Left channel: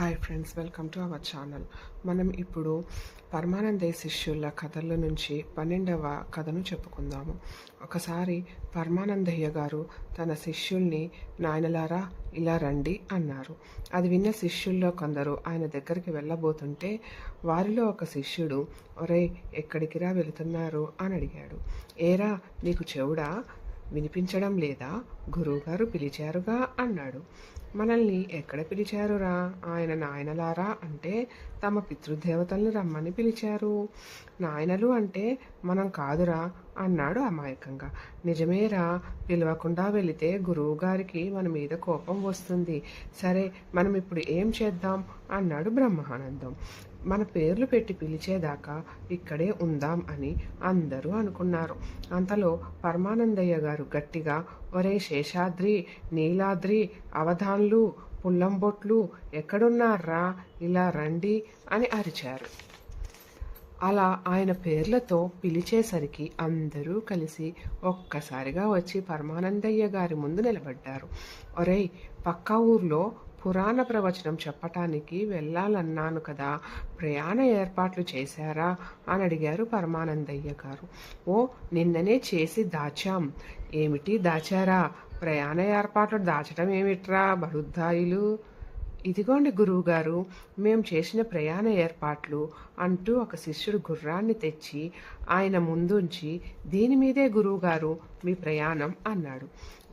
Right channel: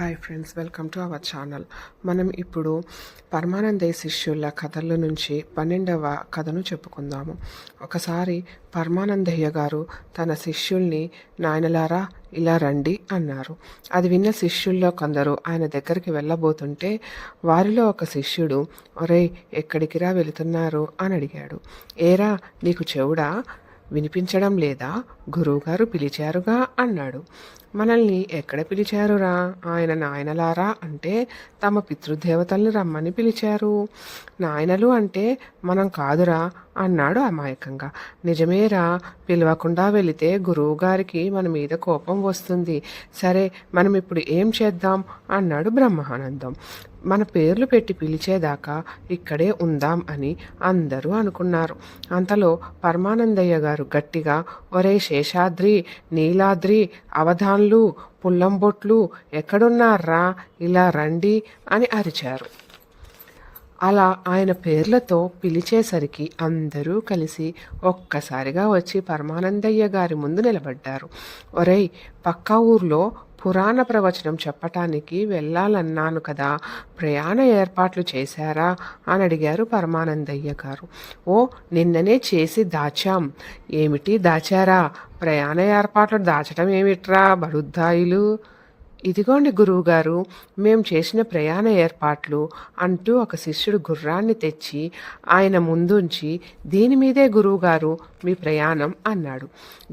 Hi friends, welcome to our channel. మనం ఇప్పుడు పరమానందయ్య శిష్యుల కథల నుంచి 12వ కథను చెప్పుకుందాము. ఒకసారి పరమానందయ్య గారు తన శిష్యుల్ని నాయనలారా ఇలా రండి అన్నారు. అది విన్న శిష్యుల్లో కొందరు ఆయన దగ్గరికి వెళ్ళబోతుంటే వారిలో ఒక శిష్యుడు, ఒరేయ్ ఎక్కడికిరా వెళుతున్నారు అని అడిగాడు. ఏరా నీకు చెవుడా వినిపించడం లేదా? గురువుగారు పిలిచారుగా అన్నాడు. మనల్ని ఎక్కడ పిలిచారురా? ఆయన నాయనలారా అంటే తమ పితృదేవతల్ని రమ్మని పిలిచారు. నాయనలు అంటే మనం కాదురా అన్నాడు అమాయకంగా. నిజమేరా, పిలవకుండా వెళితే గురువుగారికి మన మీద కోపం వస్తుంది. సరే మనం ఇప్పుడు ఏం చేద్దాం అన్నాడు బ్రహ్మానందం. మన పేర్లు పెట్టి పిలిచేదాకా ఇక్కడే ఉందాం అని అందరూ అనుకున్నారు. అంతలో పరమానందయ్య గారు గట్టిగా, ఒరే శేషాద్రి, నీలాద్రి, అవధాన్లు, పుల్లంబొట్లు ఎక్కడున్నారా, ఇలా రండి అని అరిచారు. అలా ఆయన పేర్లతో పిలిచేసరికి అందరూ కలిసి ఒక్కసారిగా వచ్చి పరమానందయ్య గారి ముందు నిలబడ్డారు. ఒరేయ్, పక్క ఊర్లో పురాణ ప్రవచనం చెప్పటానికి వెళ్ళాలన్నాను కదా, ప్రయాణ ఏర్పాట్లు చేశారా అని అడిగారు పరమానందయ్య గారు. ఓ, నిన్ననే చేసి దాచాం. ఏమిటి దాచారా? ప్రయాణ ఏర్పాట్లు దాచటం ఏమిట్రా బడుద్దాయిలు? ఇదిగోండి గురువుగారు, మేము చేసిన ప్రయాణ ఏర్పాట్లు అంటూ ఒక శిష్యుడు గుర్రాన్ని తెచ్చి ఆయన ముందుంచి, దీని మీదే గురువుగారు మీ ప్రయాణం అన్నాడు.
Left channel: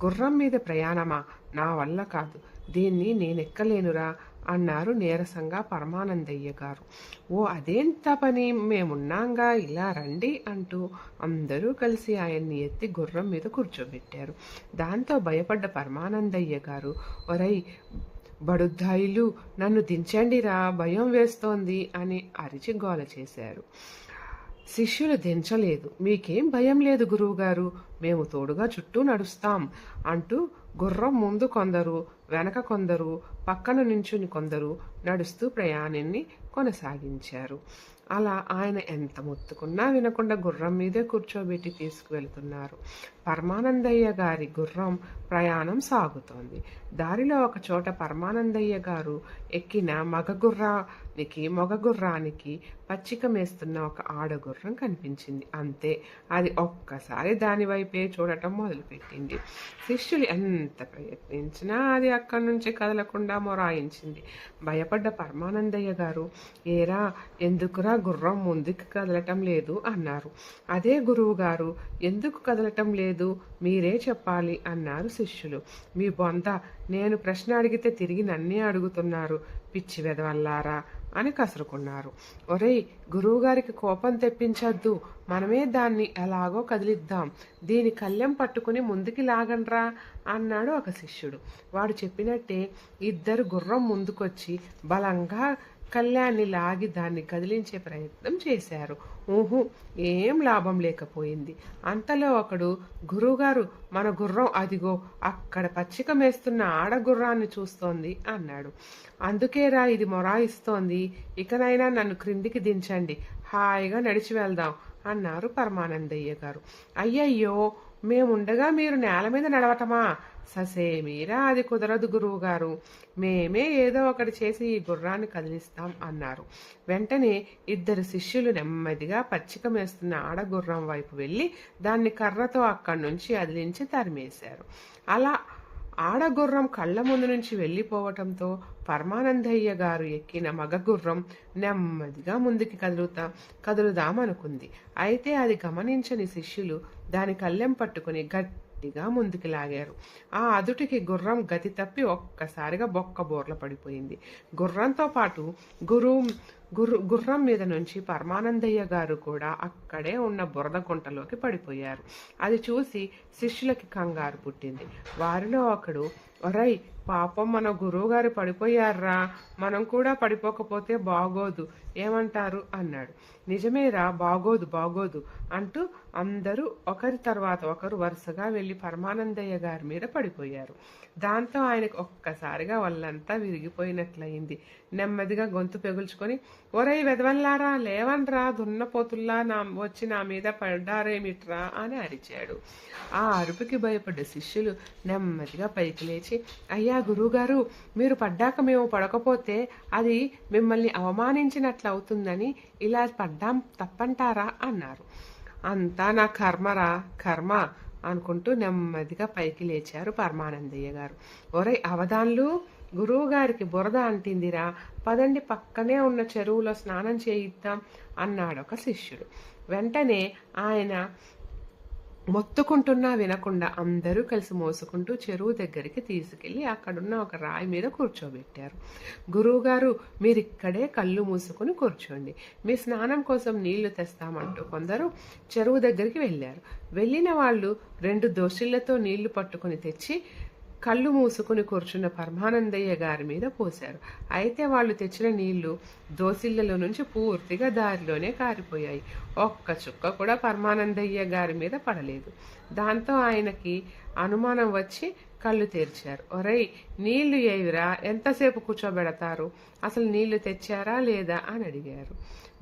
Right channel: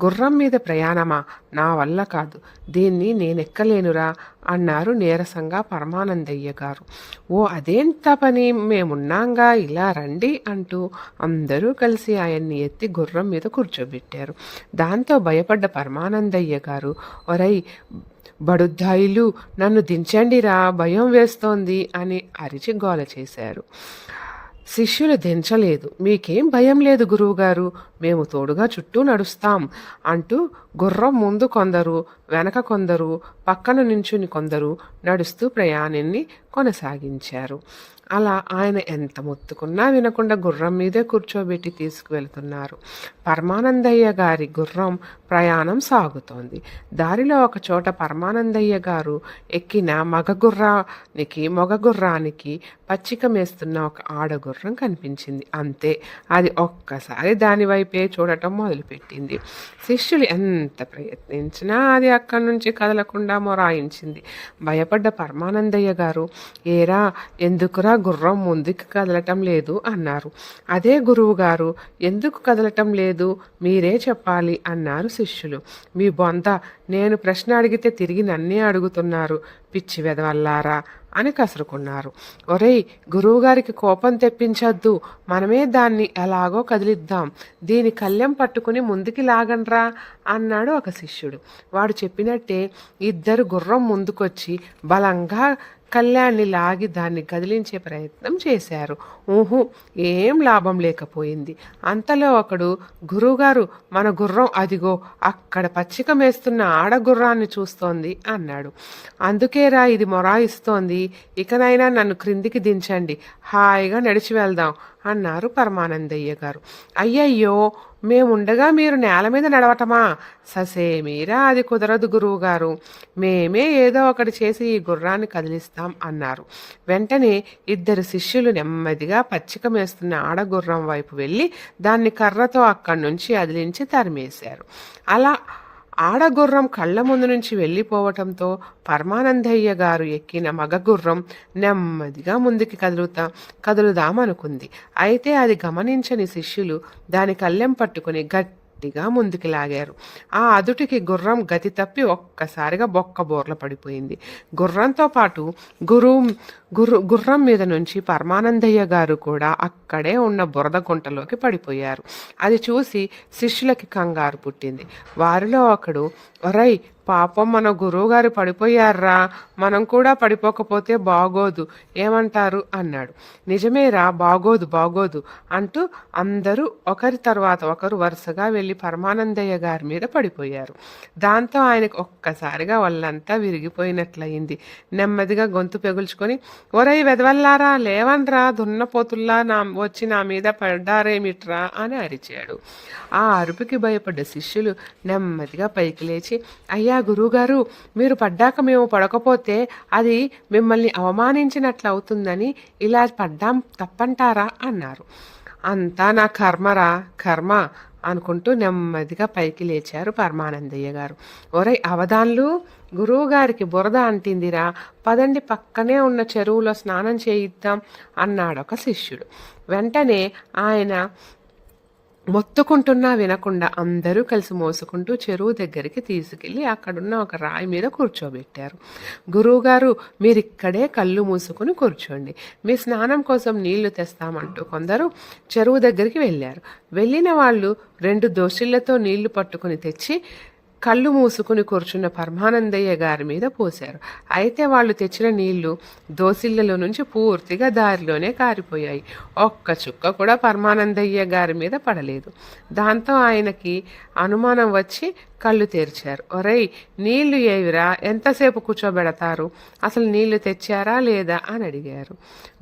గుర్రం మీద ప్రయాణమా? నా వల్ల కాదు, దీన్ని నేనెక్కలేనురా అన్నారు నీరసంగా పరమానందయ్య గారు. ఓ అదేంత పని, మేమున్నాంగా, ఇలా రండి అంటూ అందరూ కలిసి ఆయన్ని ఎత్తి గుర్రం మీద కూర్చోబెట్టారు. దాంతో భయపడ్డ పరమానందయ్య గారు, ఒరై బడుద్దాయిలు నన్ను దించండిరా, భయం వేస్తోంది అని అరిచి గోల చేశారు. శిష్యులు దించలేదు. మీకేం భయం లేదు గురువుగారు, మేము తోడుగా చుట్టూ నడుస్తాం అంటూ గుర్రం ముందు కొందరు, వెనక కొందరు, పక్కన నించుని కొందరు నడుస్తూ ప్రయాణాన్ని కొనసాగించారు. అలా ఆయన ఎంత మొత్తుకున్నా వినకుండా గుర్రం మీదే కూర్చోబెట్టి తీసుకువెళ్తున్నారు. పరమానందయ్య గారి గుర్రం ప్రయాణం సాగుతోంది. దారిలో ఒక చోట పరమానందయ్య గారు ఎక్కిన మగ గుర్రానికి పచ్చిక మేస్తున్న ఒక ఆడగుర్రం కనిపించింది. అంతే, అది ఒక్కసారి దానివైపే చూడటం మొదలుపెట్టింది. శిష్యులు ఎంత ప్రయత్నించినా అది అక్కడి నుంచి కదలకుండా మొరాయించింది. భయపడ్డ పరమానందయ్య గారు, ఏరా ఎందుకురా గుర్రం ముందుకు కదలటం లేదు అన్నారు. అదే గురువు గారు, ఎందుకు కదలటం లేదు మీరే చెప్పాలి అన్నారు శిష్యులు. మీ బొంద, నేను ప్రశ్న అడిగితే తిరిగి నన్నే అడుగుతున్నారు, పిచ్చి వెదవల్లారా అని కసురుకున్నారు. ఒరేయ్, గురువుగారికి కోపం తెప్పించద్దు, మనమే దాన్ని ఎలాగో కదిలిద్దాం, దీని కళ్ళెం పట్టుకుని ముందుకి లాగండ్రా అన్నాడు ఒక శిష్యుడు. వాడు చెప్పినట్టే ఇద్దరు గుర్రం ముందుకొచ్చి బలంగా కళ్యాణ్ని లాగి దాన్ని కదిలించే ప్రయత్నం చేశారు. ఏం లాభం లేకపోయింది. అంతలో ఒకడు, గురువుగారు మన గుర్రం అదిగో అక్కడ పచ్చిక మేస్తున్న ఆడగుర్రాన్ని చూస్తోంది అన్నాడు. అందుకేరా ఇది మొరాయిస్తోంది, ఇకనైనా నన్ను క్రిందికి దించండి, హాయిగా నడిచి వెళ్దాం అన్నారు పరమానందయ్య గారు. అయ్యయ్యో, మేముండగా మీరు నేల మీద నడవటమా? ససేమీరా అది కుదరదు గురువుగారు, మేమే ఏదో ఒకటి చేసి ఈ గుర్రాన్ని కదిలిస్తాం అన్నారు. వెంటనే ఇద్దరు శిష్యులు నెమ్మదిగా పచ్చిక మేస్తున్న ఆడగుర్రం వైపు వెళ్ళి దాన్ని కర్రతో అక్కడి నుంచి అదిలించి తరిమేశారు. అలా ఆడగుర్రం కళ్ళ ముందు నుంచి వెళ్ళిపోవటంతో పరమానందయ్య గారు ఎక్కిన మగగుర్రం నెమ్మదిగా ముందుకి కదులుదామనుకుంది. అయితే అది గమనించని శిష్యులు దాని కళ్ళెం పట్టుకుని గట్టిగా ముందుకు లాగారు. ఆ అదుటికి గుర్రం గతి తప్పి ఒక్కసారిగా బోర్ల పడిపోయింది. గుర్రంతో పాటు గుర్రం మీద నుంచి పరమానందయ్య గారు కూడా అక్కడే ఉన్న బురద గుంటలోకి పడిపోయారు. అది చూసి శిష్యులకి కంగారు పుట్టింది. వారిలో ఒకడు, ఒరై పాపం మన గురువుగారు పడిపోయారా, మనం కూడా పడిపోకపోతే బాగోదు, ఏమంటారు అన్నాడు. నిజమేరా, బాగోదు అంటూ అందరూ ఒకరి తర్వాత ఒకరు వరుసగా వెళ్ళి పరమానందయ్య గారి మీద పడిపోయారు. దాంతో ఆయనకు ఒక్కసారిగా వాళ్ళంతా విరిగిపోయినట్లయింది. నెమ్మదిగా గొంతు పెగుల్చుకొని, ఒరై వెదవల్లారా, లేవన్రా, దున్నపోతుల్లా వచ్చి నా మీద పడ్డారేమిట్రా అని అరిచాడు. ఆ అరుపుకి భయపడ్డ శిష్యులు నెమ్మదిగా పైకి లేచి, అయ్యా గురువుగారు, మీరు పడ్డాక మేము పడకపోతే అది మిమ్మల్ని అవమానించినట్లు అవుతుందని ఇలా పడ్డాం తప్పంటారా అన్నారు. అంతా నా కర్మరా కర్మ అనుకుంటూ నెమ్మదిగా పైకి లేచారు పరమానందయ్య గారు. ఒరేయ్ అవధాన్లు, గురువుగారికి బురద అంటిందిరా, పదండి పక్కనే ఉన్న చెరువులో స్నానం చేయిద్దాం అన్నాడు ఒక శిష్యుడు. వెంటనే ఆయన మొత్తుకుంటున్నా వినకుండా అందరూ కలిసి మోసుకుంటూ చెరువు దగ్గరికి తీసుకెళ్ళి అక్కడున్న ఒక రాయి మీద కూర్చోబెట్టారు. గురువుగారు, మీరిక్కడే కళ్ళు మూసుకుని కూర్చోండి, మీ స్నానం కోసం నీళ్లు తెస్తామంటూ కొందరు చెరువు దగ్గరికి వెళ్ళారు. వెళ్ళిన వాళ్ళు 2 దోసిళ్లతో నీళ్లు పట్టుకుని తెచ్చి కళ్ళు మూసుకుని కూర్చున్న పరమానందయ్య గారి మీద పోశారు. అయితే వాళ్ళు తెచ్చిన నీళ్లు దోసిళ్లలో నుంచి పూర్తిగా దారిలోనే కారిపోయాయి. ఒక్క చుక్క కూడా పరమానందయ్య గారి మీద పడలేదు. దాంతో ఆయనకి అనుమానం వచ్చి కళ్ళు తెరిచారు. ఒరేయ్, నీళ్లు ఏవిరా, ఎంతసేపు కూర్చోబెడతారు, అసలు నీళ్లు తెచ్చారా లేదా అని అడిగారు.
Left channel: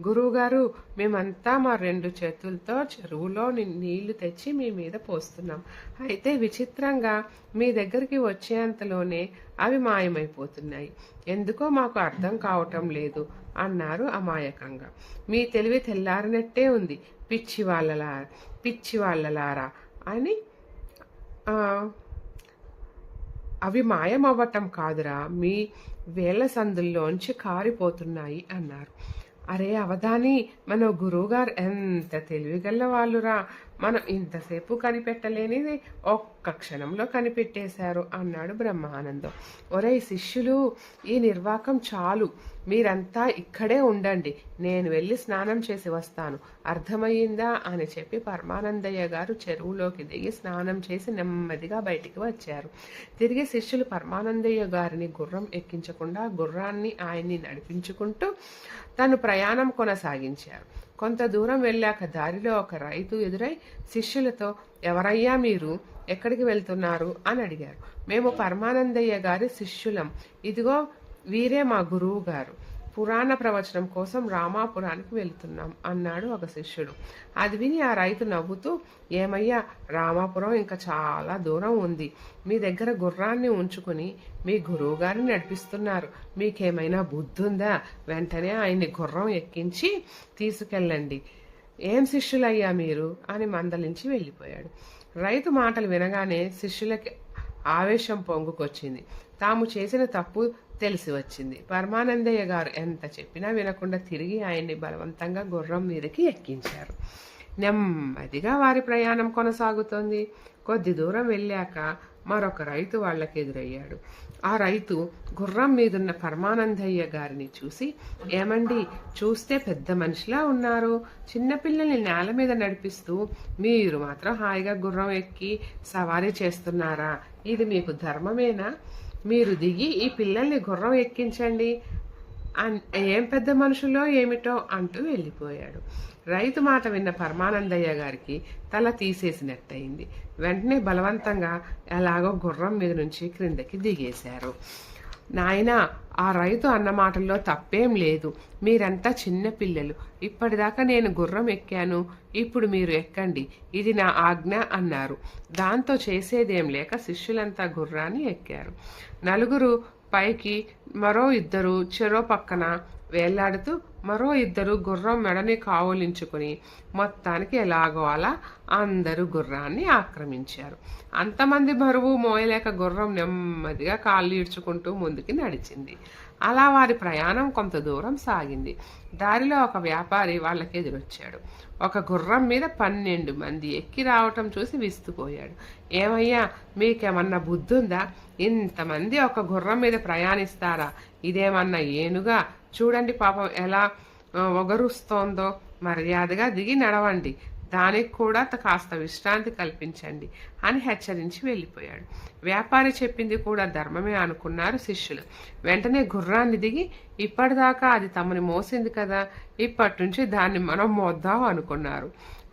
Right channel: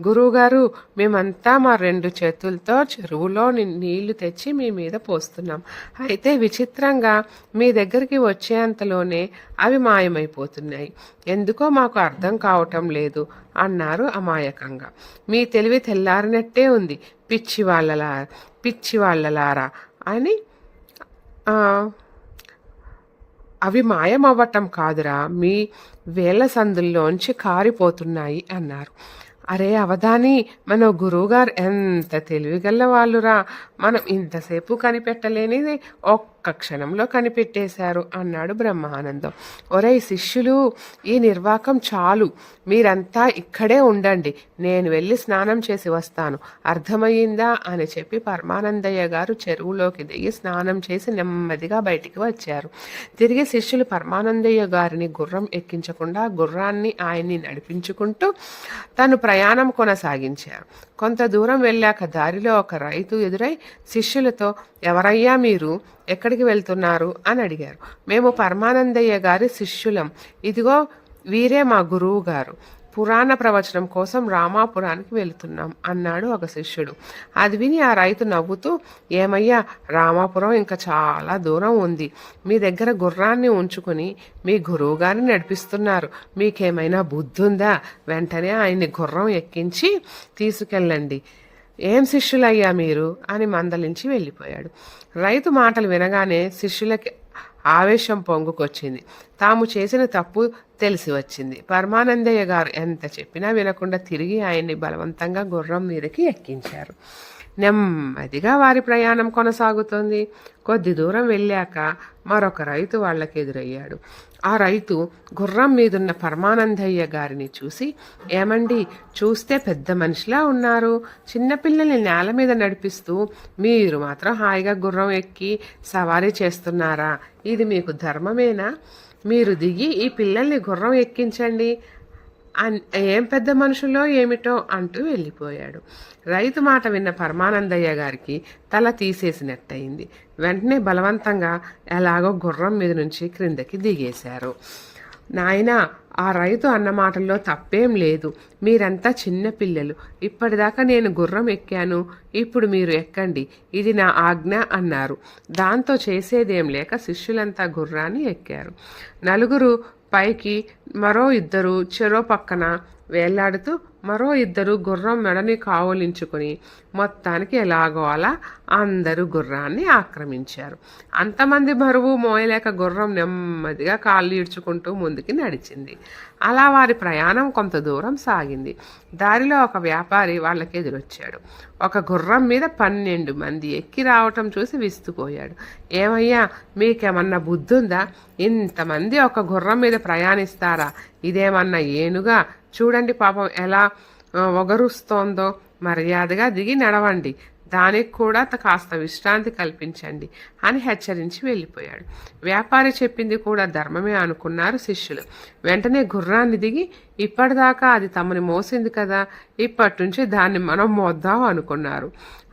గురువుగారు, మేమంతా మా 2 చేతులతో చెరువులో నీళ్లు తెచ్చి మీ మీద పోస్తున్నాం. అయితే విచిత్రంగా మీ దగ్గరికి వచ్చేంతలోనే అవి మాయమైపోతున్నాయి. ఎందుకో మాకు అర్థం కావటం లేదు అన్నారు అమాయకంగా. మీ తెలివి తెల్లారినట్టే ఉంది పిచ్చి వాళ్ళలారా అని. అవి మాయమవ్వటం కాదురా, మీ వేళ్ల సందుల్లోంచి కారిపోతున్నాయి అన్నారు. అరే అవధాని, మన గురువుగారు ఎంత తెలివిగల వాళ్ళురా, మనం ఇంతసేపు కనిపెట్టలేనిది ఒక్క క్షణంలో కనిపెట్టేశారు అన్నాడు బ్రహ్మానందం. ఒరేయ్ శిష్యులు, ఈ నిర్వాకం చాలు, మీరంతా ఇక్కడే ఉండండి, నేను వెళ్ళి స్నానం చేసి వస్తాను, అర్థమయ్యిందా అని చెప్పి పరమానందయ్య గారు చెరువులోకి దిగి స్నానం చేసి నెమ్మదిగా బయటికి వచ్చారు. తిరిగి శిష్యులు పరమానందయ్య గారిని గుర్రం ఎక్కించకుండా గుర్రాన్ని ఆయన్ని నడిపించుకుంటూ తను ప్రయాణం కొనసాగించారు. కొంత దూరం వెళ్ళాక దారిలో ఒక రైతు ఎదురై శిష్యులతో, ఎవరయ్యా మీరు, ఎక్కడికి వెళ్తున్నారు అని అడిగారు. మేము పరమానందయ్య గారి శిష్యులం, ఇదిగో వీరే మా గురువు గారు, పురాణ ప్రవచనం కోసం రామాపురానికి వెళుతున్నాం అన్నాడు ఒక శిష్యుడు. అది విని ఆ రైతు నవ్వుతూ, ఏమయ్యా, రామాపురం ఇంకా చాలా దూరం ఉంది, మీ దగ్గర గుర్రాన్ని ఉంచుకుని మీ గురువు గారిని నడిపిస్తున్నారు, మీకేమైనా బుద్ధి ఉందా, వెంటనే ఆయన్ని గుర్రం ఎక్కించి తీసుకెళ్ళండి, ఏం శిష్యులయ్యా మీరు అని మందలించి వెళ్ళిపోయాడు. రైతు మాటలు వినగానే శిష్యులకి ఆవేశం పొంగుకొచ్చింది. తాము చేసిన తప్పు తెలిసి వచ్చింది. పరమానందయ్య గారు ఎంత చెప్పినా వినకుండా తిరిగి ఆయన్ని బలవంతంగా గుర్రం మీదకి ఎక్కించారు. నెమ్మదిగా వారి ప్రయాణం కొనసాగుతుంది. కొద్ది దూరం వెళ్ళాక మరొక రైతు వాళ్ళకి ఎదురయ్యాడు. ఆ రైతు గుర్రం మీదున్న పరమానందయ్య గారిని చూసి, ఏమండి, చూస్తే పెద్ద మనిషిలా ఉన్నారు, చిన్నపిల్లల్ని నేల మీద నడిపిస్తూ మీరు మాత్రం హాయిగా గుర్రం ఎక్కి సవారీ చేస్తున్నారా, ఇది మీకు ధర్మమేనా, మీరు దిగి ఈ పిల్లల్ని గుర్రం ఎక్కించండి, ఏం పెద్ద మనుషులో ఏమిటో అంటూ వెళ్ళిపోయాడు. రైతు మాట విన్న పరమానందయ్య గారికి తల తీసేసినట్టయింది. వెంటనే బలవంతంగా ఎలాగో గుర్రం మీద నుంచి క్రిందకి దిగేశారు. నాయనా, ఆ రైతు అన్న మాటల్లో తప్పేం లేదు, మీరంతా చిన్న పిల్లలు, ఇప్పటిదాకా నేను గుర్రం ఎక్కాను, ఇప్పుడు మీరు ఎక్కండి, ఇది నా ఆజ్ఞ అన్నారు. దాంతో చేసేదేం లేక శిష్యులంతా గుర్రాన్ని ఎక్కారు. నలుగురు పైకి, మరో 2 చెరో పక్కన వేళ్లాడుతూ, మరో 2 గుర్రం మెడని కావులించుకుని మొత్తానికి ఎలాగో అలా అందరూ గుర్రాన్ని ఆక్రమించారు. అంతమంది బరువు మోయలేక గుర్రం నెమ్మదిగా కాళ్ళు ఈడ్చుకుంటూ ముందుకి నడిచింది. అలా వారి ప్రయాణం కొంత దూరం సాగింది. దారిలో ఒక వ్యాపారి వాళ్ళకి ఎదురొచ్చాడు. ఒక గుర్రం మీద 12 మంది ఎక్కి రావటం చూసి విస్తుపోయాడు. ఏమయ్యా, మీకేమన్నా బుద్ధుందా, ఇంతమంది ఒక గుర్రం మీద ప్రయాణిస్తారా, ఇదేమన్నా ఏనుగా, చూడండి పాపం ఎలా ఒగరుస్తోందో, మర్యాదగా దిగి నడవండి, దానికి కూడా కాస్త విశ్రాంతి కల్పించండి అని హెచ్చరించి వెళ్ళిపోయాడు. వ్యాపారి చెప్పింది కూడా ధర్మమే అనుకున్నారు శిష్యులు. వెంటనే గుర్రాన్ని దిగి, ఇప్పటిదాకా అది తమని మోసింది కదా, ఇప్పటి నుంచి దాన్ని మనం మోద్దాం అనుకున్నారు.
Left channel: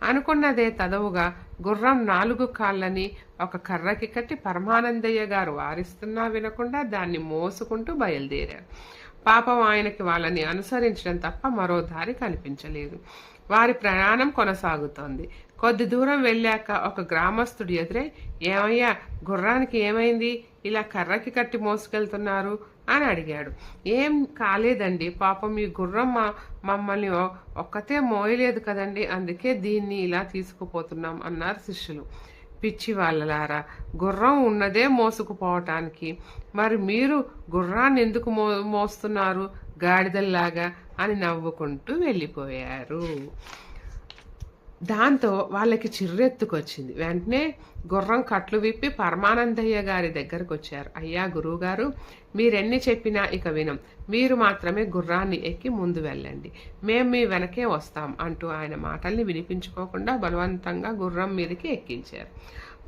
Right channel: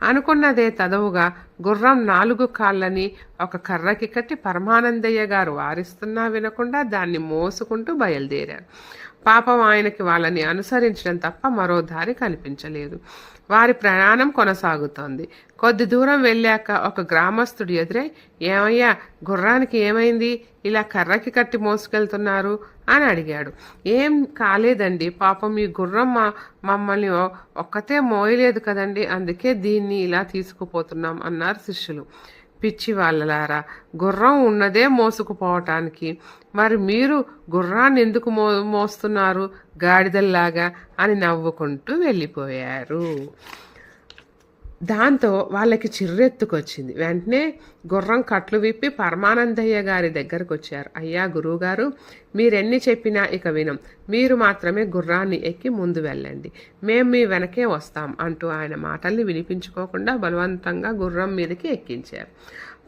అనుకున్నదే తదవుగా గుర్రం 4 కాళ్ళని ఒక కర్రకి కట్టి పరమానందయ్య గారు వారిస్తున్నా వినకుండా దాన్ని మోసుకుంటూ బయలుదేరారు. పాపం ఆయనకి వాళ్ళని అనుసరించడం తప్ప మరో దారి కనిపించలేదు. వారి ప్రయాణం కొనసాగుతోంది. కొద్ది దూరం వెళ్ళాక ఒక గ్రామస్తుడు ఎదురై, ఏమయ్యా, గుర్రానికి ఏమైంది, ఇలా కర్రకి కట్టి మోసుకెళ్తున్నారు అని అడిగాడు. ఏం కాలేదండి, పాపం ఈ గుర్రం మమ్మల్ని ఒక్కతే మోయలేదు కదండి, అందుకే దీన్ని ఇలా తీసుకుపోతున్నాం అన్నారు శిష్యులు. పిచ్చి వాళ్ళలారా, గుర్రం ఉన్నదే మోసుకుపోవటానికి, మరి మీరు గుర్రాన్ని ఎందుకు మోస్తున్నారు గాడిదల్లాగా అని నవ్వుకుంటూ వెళ్ళిపోయారు. దాంతో వాళ్ళకి చిర్రెత్తుకొచ్చింది. వెంటనే గుర్రం కట్లు విప్పి పరమానందయ్య గారి దగ్గరకు వచ్చారు. అయ్యా గురువుగారు, మీరెన్ని చెప్పినా ఇక వినం, మీరు మాత్రమే గుర్రాన్ని ఎక్కి ముందు వెళ్ళండి, మేము మీ వెనకే వస్తాం అంటూ ఆయన మాటల్ని వినిపించుకోకుండా బలవంతంగా గుర్రం మీదకి ఎక్కించారు.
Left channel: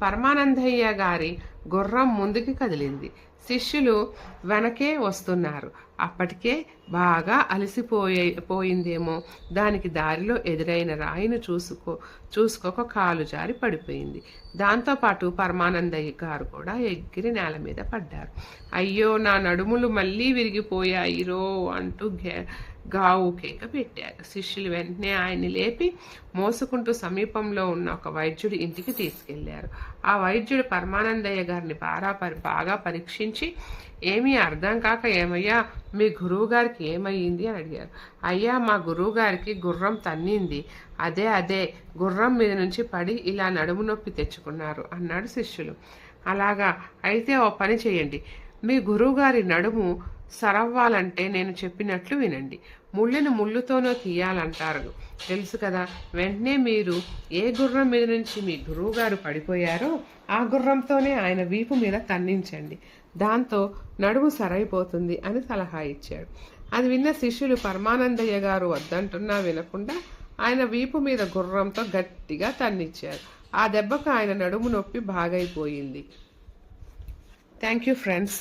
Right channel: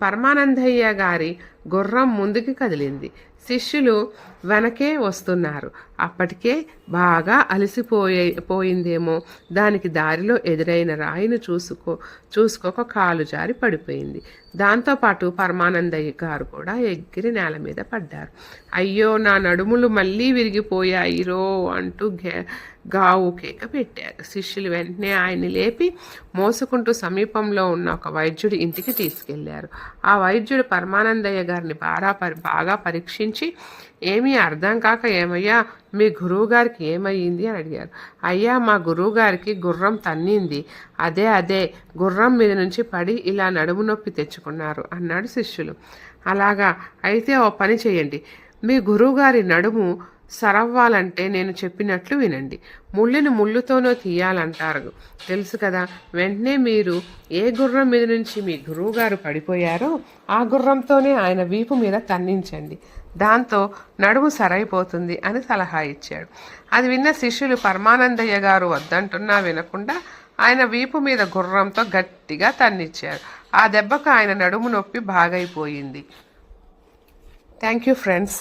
పరమానందయ్య గారి గుర్రం ముందుకి కదిలింది. వెనకే వస్తున్నారు. అప్పటికే బాగా పోయిందేమో, దానికి దారిలో ఎదురైన రాయిని చూసుకోక కాలు జారి పడిపోయింది. దాంతోపాటు పరమానందయ్య గారు కూడా ఎగిరి నేల మీద పడ్డారు. అయ్యో, నా నడుములు మళ్ళీ విరిగిపోయాయిరో అంటూ గావు కేక పెట్టారు. శిష్యులు వెంటనే ఆయన్ని లేపి మోసుకుంటూ సమీపంలో ఉన్న ఒక వైద్యుడి ఇంటికి తీసుకెళ్లారు. ఆ వైద్యుడు పరమానందయ్య గారిని బాగా పరీక్షించి, ఏమీ అర్థం కాక, ఏమయ్యా, మీ గురువు గారికి ఏమయ్యింది అని అడిగారు. అయ్యా, మా గురువు గారికి గుర్రం తన్నింది, అదే గుర్రం మీద నుంచి పడి ఇలా నడుము నొప్పి తెచ్చుకున్నారు అన్నాడు శిష్యులు. అలాగా, అయితే ఓ పని చేయండి, మీ గురువుగారి నడుము సరవ్వాలంటే నేను చెప్పినట్లు వినండి. ముళ్ళుని ముళ్ళుతోనో తీయాలంటారు తెలుసు కదా. వెంటనే మీరు ఏ గుర్రం మీద నుంచి మీ గురువుగారు పడిపోయారో ఆ గుర్రంతోనే ఆయన వీపు మీద తన్నించండి, దాంతో నడుము సరైపోతుంది అని సలహా ఇచ్చాడు. అది విన్న శిష్యులు పరమానందయ్య గారు వద్దంటున్నా వినకుండా ఆయన వీపు మీద గుర్రంతో గట్టిగా తన్నిచ్చారు. ఆ దెబ్బకు ఆయన నడుము నొప్పి బాగైపోయింది. Thank you friends.